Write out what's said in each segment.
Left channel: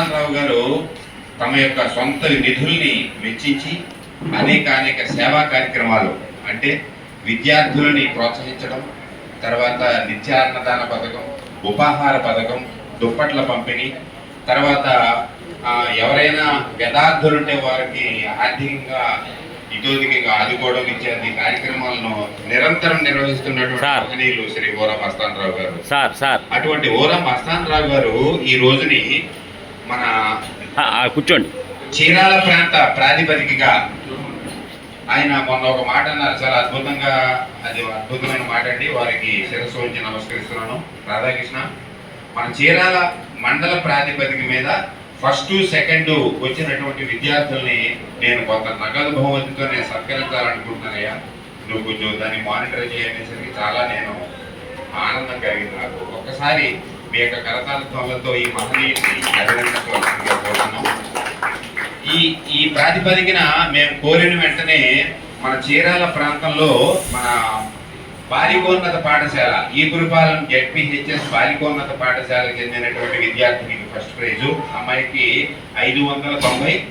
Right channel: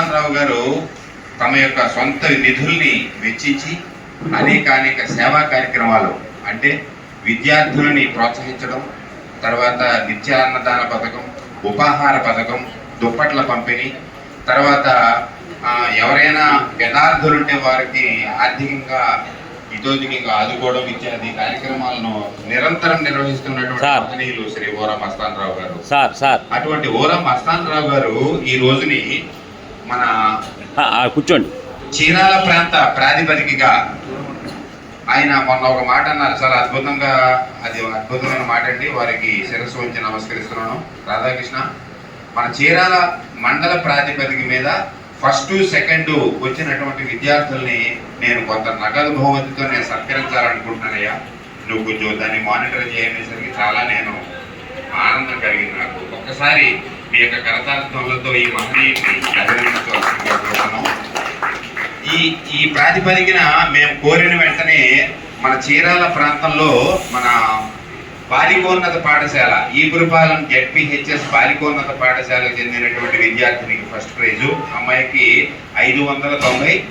మస్తానరావు గారు తమ యొక్క సొంత నిధుల్ని వెచ్చించి అనేక అనేక సేవా కార్యక్రమాలు అంటే విద్యార్థులని ప్రోత్సహించడం తర్వాత నిత్యాన్నదాన పథకం ఉపాహార పథకం దుప్పట్ల పంపిణీ తర్వాత ఎవరైనా యథార్థులుంటే వారికి ఆర్థికంగా ఇతోధికంగా ఆదుకోవడం ఇత్యాది కార్యక్రమాలను నిరంతరం నిర్వహిస్తున్నటువంటి శ్రీ ఓరా మస్తానరావు గారు. Sir sir. అటువంటి ఓరా మస్తానరావు గారు ఈ రోజుని మన కూర్చోండి. చీరాల ప్రాంత ప్రాతిపదికగా ఆయన మొన్న ఒక మాట అన్నారు. చాలా అద్భుతంగా అది అద్భుతమైన మాట అండి. వారికి శిరస్సు ఉంచి నమస్కరిస్తున్నాను. రాధాకృష్ణ మన చీరాల మండల ప్రాతిపదిక మీద ఫస్ట్ సెకండ్ వచ్చినటువంటి విద్యార్థుల్ని నేను కొంత నగదు బహుమతితో నేను సత్కరించాలనుకుంటున్నానయ్యా. నువ్వు కొంచెం దాన్ని మానిటర్ చేయనేసరికి చాలా నేను ఆనందం కలిగింది నాకు. ఒక్కసారి మీ యొక్క కరతాళత్వలతో ఈ మహనీయుని అభినందించవలసిందిగా కోరుతున్నాం. ఈ ఈ ప్రాతిపదికన మేము కోరిన వెంటనే మన చీరాల ప్రాంతంలో మన బాలికోన్నత పాఠశాల ఈపురపాలెం జెడ్పిహెచ్ఎస్ బాలికోన్నత పాఠశాలకు చెందినటువంటి విద్యార్థినికి ఫస్ట్ ప్రైజు. అమ్మాయికి ఐదు వందల తొంభై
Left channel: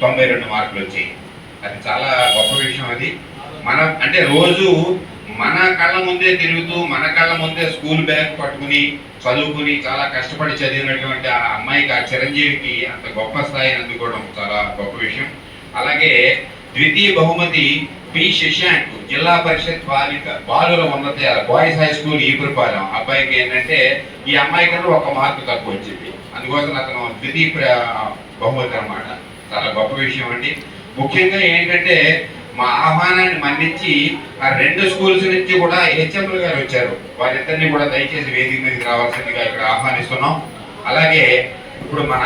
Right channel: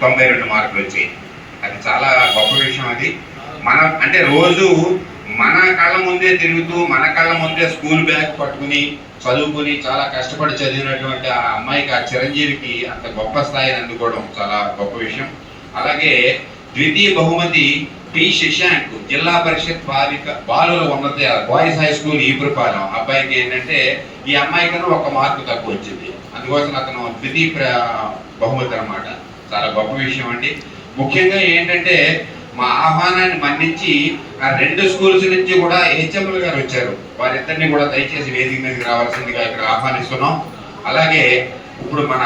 తొంభై రెండు మార్కులు వచ్చాయి. అది చాలా గొప్ప విషయం అది. మనం అంటే రోజు మన కళ్ళ ముందే తిరుగుతూ మన కళ్ళ ముందే స్కూల్ బ్యాగ్ పట్టుకుని చదువుకుని చాలా కష్టపడి చదివినటువంటి ఆ అమ్మాయికి ఆ చిరంజీవికి అంత గొప్ప స్థాయిని అందుకోవడం చాలా గొప్ప విషయం. అలాగే ద్వితీయ బహుమతి పి. శశాంక్ జిల్లా పరిషత్ బాలిక బాలుల ఉన్నత బాయ్స్ హై స్కూల్ ఈపురపాలెం అబ్బాయికి ఏంటంటే ఈ అమ్మాయి కన్నా ఒక మార్కు తక్కువ వచ్చింది. అందుకోసం అతను ద్వితీయ బహుమతి అన్నమాట. చాలా గొప్ప విషయం అండి. ముఖ్యంగా ఏంటంటే మా ఆహ్వానాన్ని మన్నించి ఆ రెండు స్కూల్స్ నుంచి కూడా హెచ్ఎంలు గారు వచ్చారు. వారిద్దరిని కూడా దయచేసి వేదిక మీదకి రావాల్సిందిగా ఇక్కడ ఆహ్వానిస్తున్నాం. అలాగే ఇప్పుడు మన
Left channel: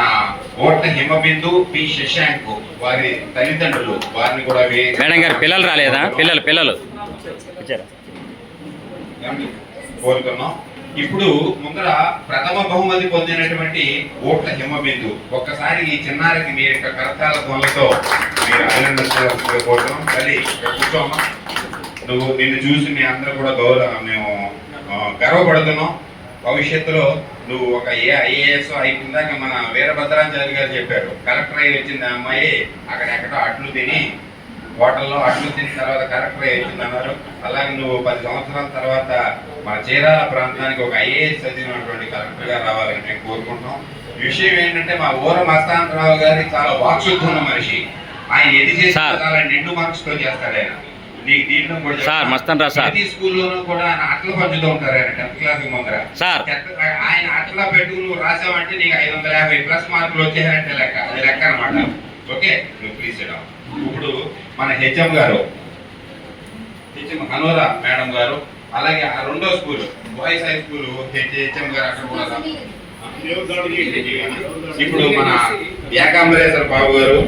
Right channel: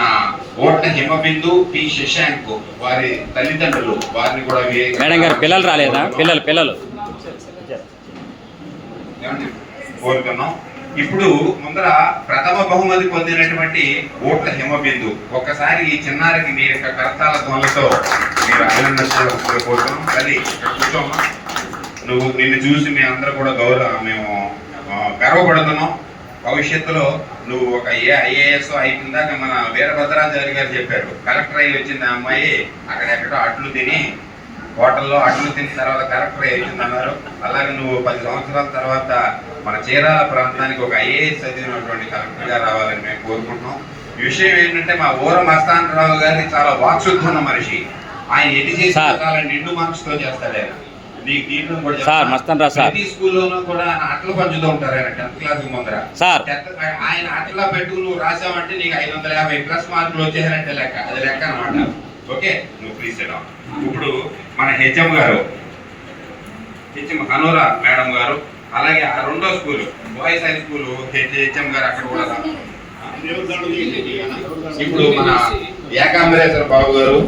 ఓట్ల హిమబిందు పి శశాంక్ వారి తల్లిదండ్రులు వారిని కూడా మేడం గారు పిల్లలు రాలేదా? పిల్లలు పిల్లలు? కోరుతున్నాం. ఇప్పుడు ముందర ప్రథమ బహుమతి పొందినటువంటి ఓట్ల హిమబిందు. ఒక్కసారి ఈ చిన్నారికి మీ యొక్క కరతాల ధ్వనులతో మీరు అభినందించాల్సిందిగా కోరుతున్నాం తల్లి కూర్చోమ్మా. నువ్వు నిన్ను చూసి మీ అందరూ కూడా గౌరవ మేము గర్వపడుతున్నాం. భవిష్యత్తులో నువ్వు ఒక ఏ ఐఏఎస్ అయిపోయిందాక మన వీరభద్రాచారి గారు చెప్పారు. కలెక్టర్ అయ్యి వచ్చింది ఆ అమ్మాయి అక్కడెక్కడో అట్లు తిని హోటల్లో అట్లు తిన్న తర్వాత కలెక్టర్ అయ్యి వచ్చింది అన్నారు. అలాగే నువ్వు పది సంవత్సరాల తర్వాత మన చీరాల ప్రాంతానికి ఒక ఐఏఎస్ చదివినటువంటి కలెక్టర్గా రావాలని మేము కోరుకుంటున్నాం. విషయం ఏంటంటే మా ఊర మస్తానరావు గారి చాలా వాక్శుద్ధి ఉన్న మనిషి. ఆయన ఎది చేసి సార్. చాలా నిండు మార్క్స్తో చేస్తాడు ఆయన సార్. మస్తాన్ రా సార్. స్కూల్లోనూ కూడా ఆయన అట్లు పంచుతూ ఉంటారు ఆయన టెన్త్ క్లాస్ ముందర సార్ ఆయన అట్లా పెట్టుకుని నువ్వు రాసావంటే నీకు ఐదు వందల యాభై ప్లస్ మార్కులు వచ్చేసారంటే లెక్క అది లెక్క అనమాట ఓకే నువ్వు ప్లీజ్ ఇప్పుడు మన హెచ్ఎం గారు హెచ్ఎం హనోరా మేడం గారు అలాగే ఆ రెండో school boys high school HM garu అక్కడ కూడా రా- ఇప్పుడు మన ఏకాంబరేశ్వర బాబు గారు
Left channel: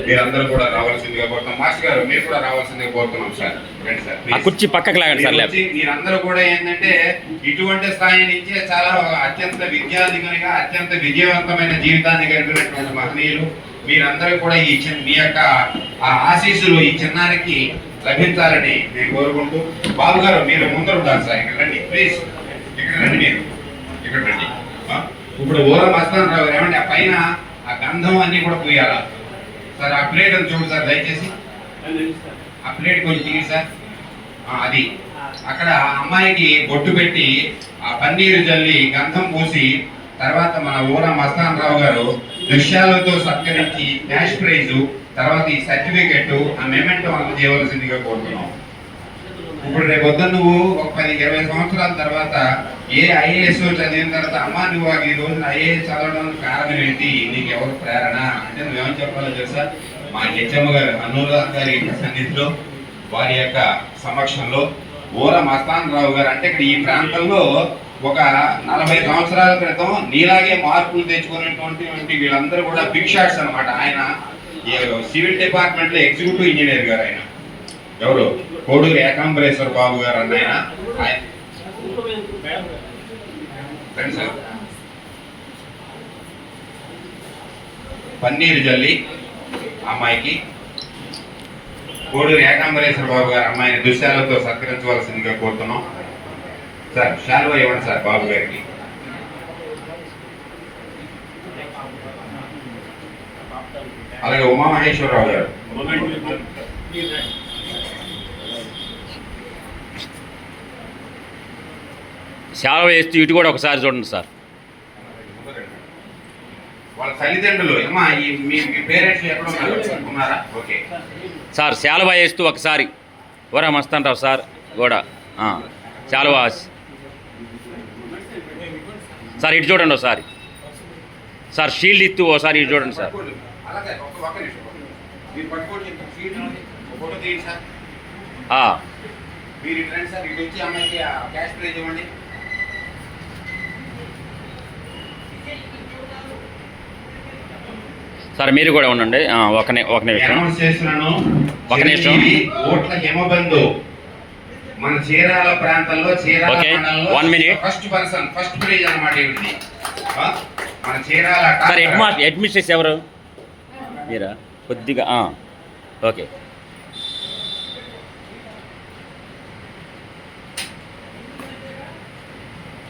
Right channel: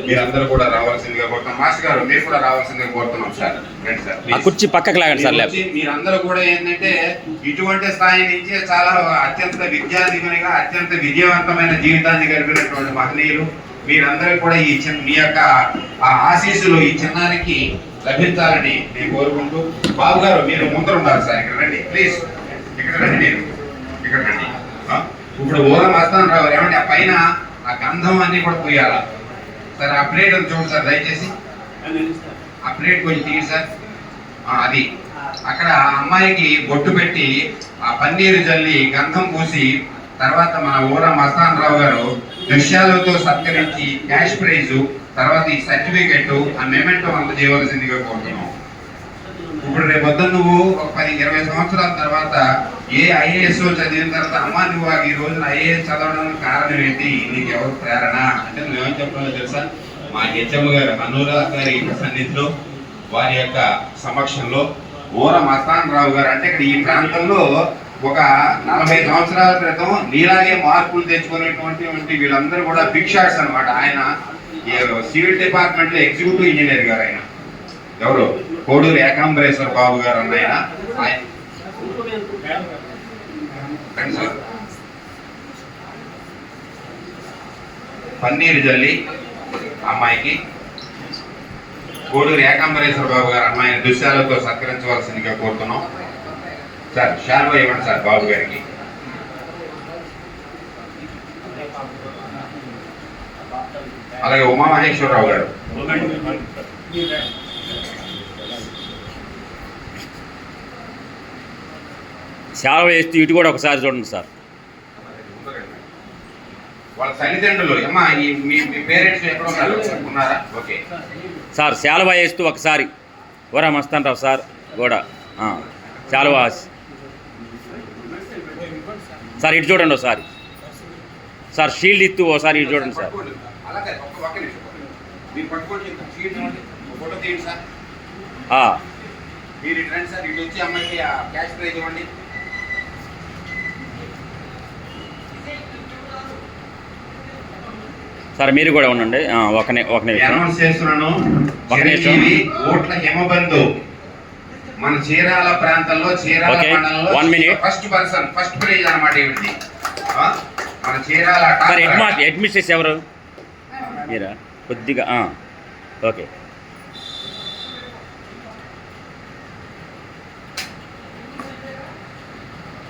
మీరందరూ కూడా రావాల్సిందిగా కోరుతున్నాం. మాస్టర్ గారు మీరు కూడా రావాల్సిందిగా కోరుతున్నాం సార్. రండి. కుర్చీ పక్కకు లాగండి సార్ మీరందరూ కూడా ఏంటంటే ఇటువంటి స్థాయి నుంచి చాలా అత్యంత విద్యాధికునిగా అత్యంత విజయవంతమైన జీవితాన్ని గడిపినటువంటి మహనీయులు మీరందరూ కూడా ఈ చిన్న మీ యొక్క ఆ ఆశీస్సులు ఈ చిన్నారికి లభించాలని నేను కోరుకుంటూ బాబు గారు మీరు ముందర ఉండాలి సార్ ఇక్కడ రండి ప్లీజ్ ఇక్కడ రండి మీరు. ఇక్కడ రండి? ఇప్పుడు ఊర మస్తాన్ రావు గారు ఏమండి ఆ పైన ఆ గంధం అన్ని కూడా పోయాలా? సార్ ఆ ప్లేట్ అని చూడు సార్ దయచేసి. ఆ ప్లేట్ కొంచెం తీయండి సార్. అది. అక్కడ అమ్మాయికి బొట్టు పెట్టి ఆ పన్నీరు జల్లి గంధం పూసి తర్వాత మన ఊర మస్తాన్ రావు గారు దృశ్యాలతో సత్కరించి క్యాష్ ప్రైజ్ తర్వాత ఈ సర్టిఫికెట్ ఆ మెమెంటో అందజేయవలసిందిగా కోరుతున్నాం. ఇప్పుడు రేపు వద్ద నువ్వు. ఒక పది ఇరవై సంవత్సరాల తర్వాత ఏ ఐఏఎస్ చదివిన తర్వాత అమ్మ నువ్వు ఈ రోజున ఐఏఎస్ చదవడానికి కారణం ఏంటి? నీకు ఎవరు ప్రేరణ? అంటే నువ్వేమని చెప్పాలో తెలుసా? మా హెచ్చమ్మ గారు అనురాధ గారి యొక్క సన్నిధిలో వారి యొక్క సమక్షంలో ఓర మస్తాన్ రావు గారు అంటే ఇక్కడ ఈ ప్రాంతంలో ఒక నలభై సంవత్సరాల క్రితం నీలాగే మార్పులు తెచ్చుకునేటువంటి వీళ్ళందరూ కూడా బిగ్ షాట్స్ అనమాట ఆయన ఈ సివిల్ డిపార్ట్మెంట్లో ఎగ్జిక్యూటివ్ ఇంజనీర్ గారు ఆయన. ఎవరు? కోడూరు ఏకాంబరేశ్వర బాబు గారు అన్న ఆయన. పన్నీరు జల్లి అమ్మాయికి. కోడూరు ఏకాంబరేశ్వర బాబు గారు అమ్మాయిని దృశ్యాలతో సత్కరించవలసిందిగా కోరుతున్నాం. సార్ షాల్వా ఇవ్వండి సార్ బాబు గారికి. అలాగే ఉమామహేశ్వరరావు గారు. సేవ వేస్తూ ఇటు కూడా ఒకసారి చూడండి సార్. వాళ్ళ తల్లిదండ్రులు అమ్మా ఈ మీ మీ పేరెంట్స్ ఎక్కడ ఉన్నారు? ఉన్నారా? ఓకే. సార్ శాలువా వేస్తూ ఒకసారి. ఓరా మస్తాంటావు సార్ కూడా శాలువా సార్ ఇటు చూడండి ఒకసారి. సార్ షీల్డ్ ఇస్తూ ఒకసారి ఇటు చూడండి సార్. మీరు ఇటు రండి సార్ ఇటు వచ్చి అమ్మాయికి క్యాష్ ప్రైజ్ ఇవ్వండి. సార్ మీరు కూడా ఉండండి. ఆ, ఒక నిమిషం. ఒక నిమిషం. చిరంజీవి ఓట్ల హిమబంధు. మన చీరాల ప్రాంతంలో చీరాల మండలంలో one minute. First person first prize అన్నమాట ఏమిటి? మన Chirala sir head master head mistress ఎవరు? మీరా? కొద్దిగా ఓకే.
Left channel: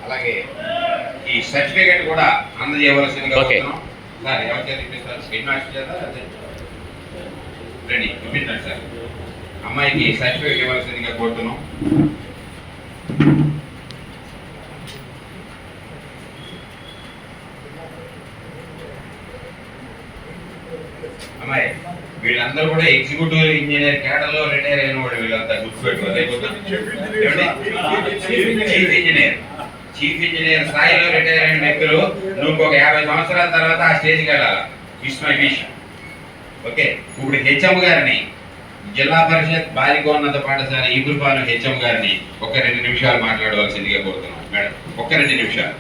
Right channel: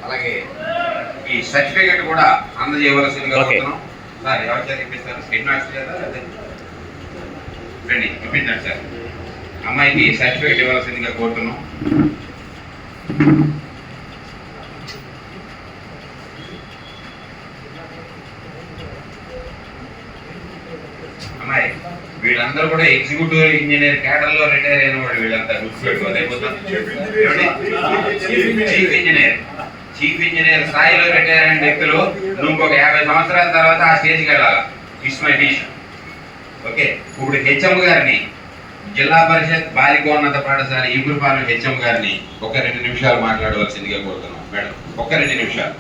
అలాగే ఈ సర్టిఫికేట్ కూడా అందజేయవలసిందిగా Okay. ఎవరి చేత ఇప్పిస్తారు హెడ్ మాస్టర్ చేత రండి ఇప్పించండి సార్. అమ్మాయికి సర్టిఫికేట్ ఇవ్వాల్సిందిగా కోరుతున్నాం. అమ్మాయి వీళ్ళందరూ కూడా ఎగ్జిక్యూటివ్ ఇంజనీర్ కేడర్లో రిటైర్ అయిన వాళ్ళు వీళ్ళంతా గుర్తుపెట్టుకోవాలి. చీఫ్ ఇంజనీర్ చీఫ్ ఇంజనీర్ స్థాయిలో పెట్టారని వ్యక్తులు నువ్వు ఒక యాభై సంవత్సరాల తర్వాత ఆ స్టేజ్కి వెళ్ళాలి? It's my wish. ఓకే ఇప్పుడు హెచ్ఎం గారిని జిల్లా పరిషత్ బాలికోన్నత పాఠశాల ఈగురుపాలెం హెచ్ఎం గారిని ఒక రెండు నిమిషాలు మాట్లాడవలసిందిగా కోరుతున్నాం. మేడం ఒక్క రెండు నిమిషాలు.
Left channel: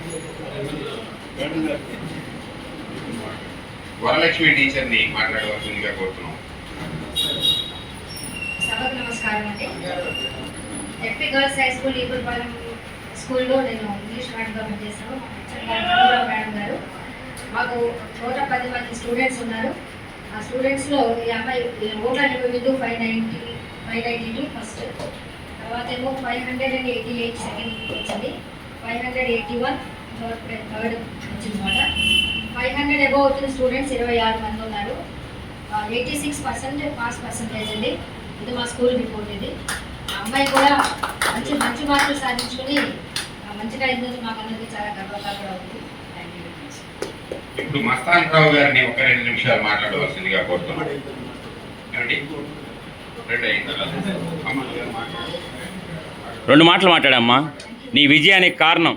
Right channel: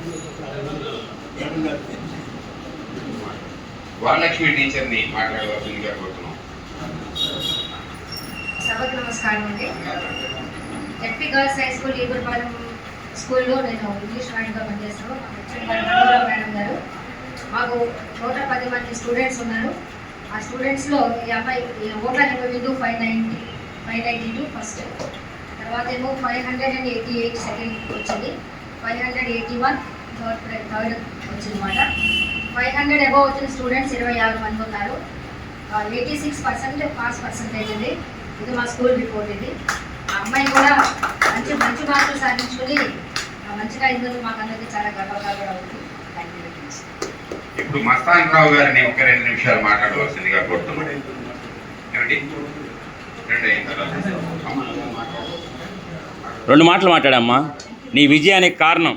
వరలక్ష్మి టీచర్ని మాట్లాడవలసిందిగా కోరుతున్నాం. సభకు నమస్కారం అండి. SP girls high school Egurupalem స్కూల్లో నేను ఇంగ్లీష్ మేడంగా పనిచేస్తాను. మా గారు మేడం గారు. మాకు నూట పది మంది స్టూడెంట్స్ ఉన్నారు. ఆ స్టూడెంట్స్లో ఈ అమ్మాయి ఓట్ల ఎనభై నిబంధనలు five ninety five ninety two first. తర్వాత ఏమో five hundred and eighty eight second వచ్చింది. Five hundred eighty one third prize third వచ్చింది అనమాట ఫైవ్ హండ్రెడ్ అబౌవ్ వచ్చిన స్టూడెంట్స్ ఇరవై ఆరు మంది ఉన్నారు. Eighty six percent pass percentage ఉంది. ఇది మా స్కూల్ రిపోర్ట్ ఇది. ఆ అమ్మాయి కూడా మంచి మంచి మార్కులు సాధించుకుని మంచిగా అయిందని మాకు అనేది చాలా గర్వంగా కూడా ఉంది. థ్యాంక్ యూ వెరీ మచ్ ఇప్పుడు మస్తాన్ రావు గారిని ఒక రెండు నిమిషాలు మాట్లాడవలసిందిగా కోరుతున్నాం. ఏమిటి రెండు అయిన తర్వాత. రెండు మాటలు మాట్లాడమ్మా. నీ విజయానికి కారణం.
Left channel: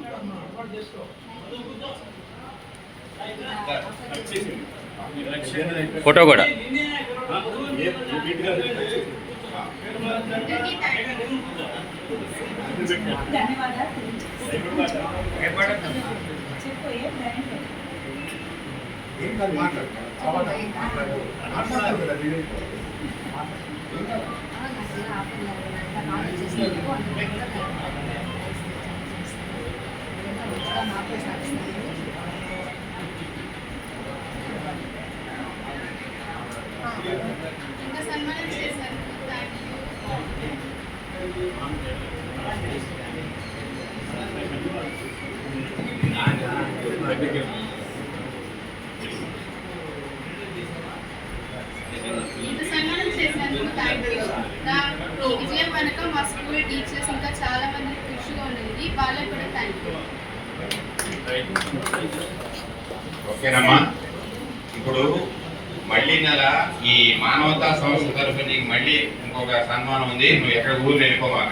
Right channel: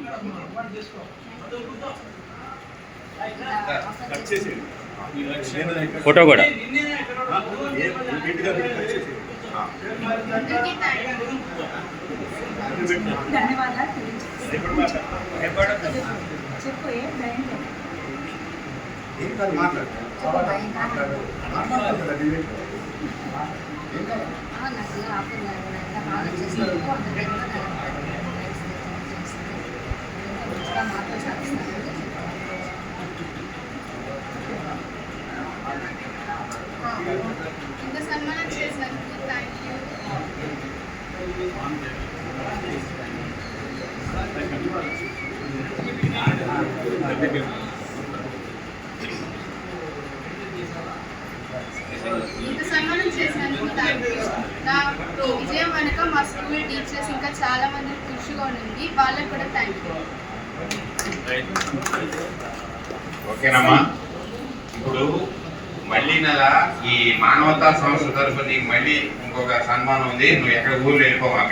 ఫోటో కూడా. ఆ, నాకు ఇలా ఆపుతున్నారు. నాకు కామెంట్ చేసినందుకు అందరికీ కూడా వెనుక స్కూల్ టీచర్స్ ఇంకా చాలా మంది కృషిగా ఉంది వాళ్ళకు కూడా థ్యాంక్ యూ ఓకేనమ్మా. ఇప్పుడు మళ్ళీ నెల ఈ మానవతా సంస్థ తరఫున నీకు మళ్ళీ ఇంకొక సన్మానం ఉంది. నువ్వు ఎక్కడ ఊరు వెళ్ళిపోమాక.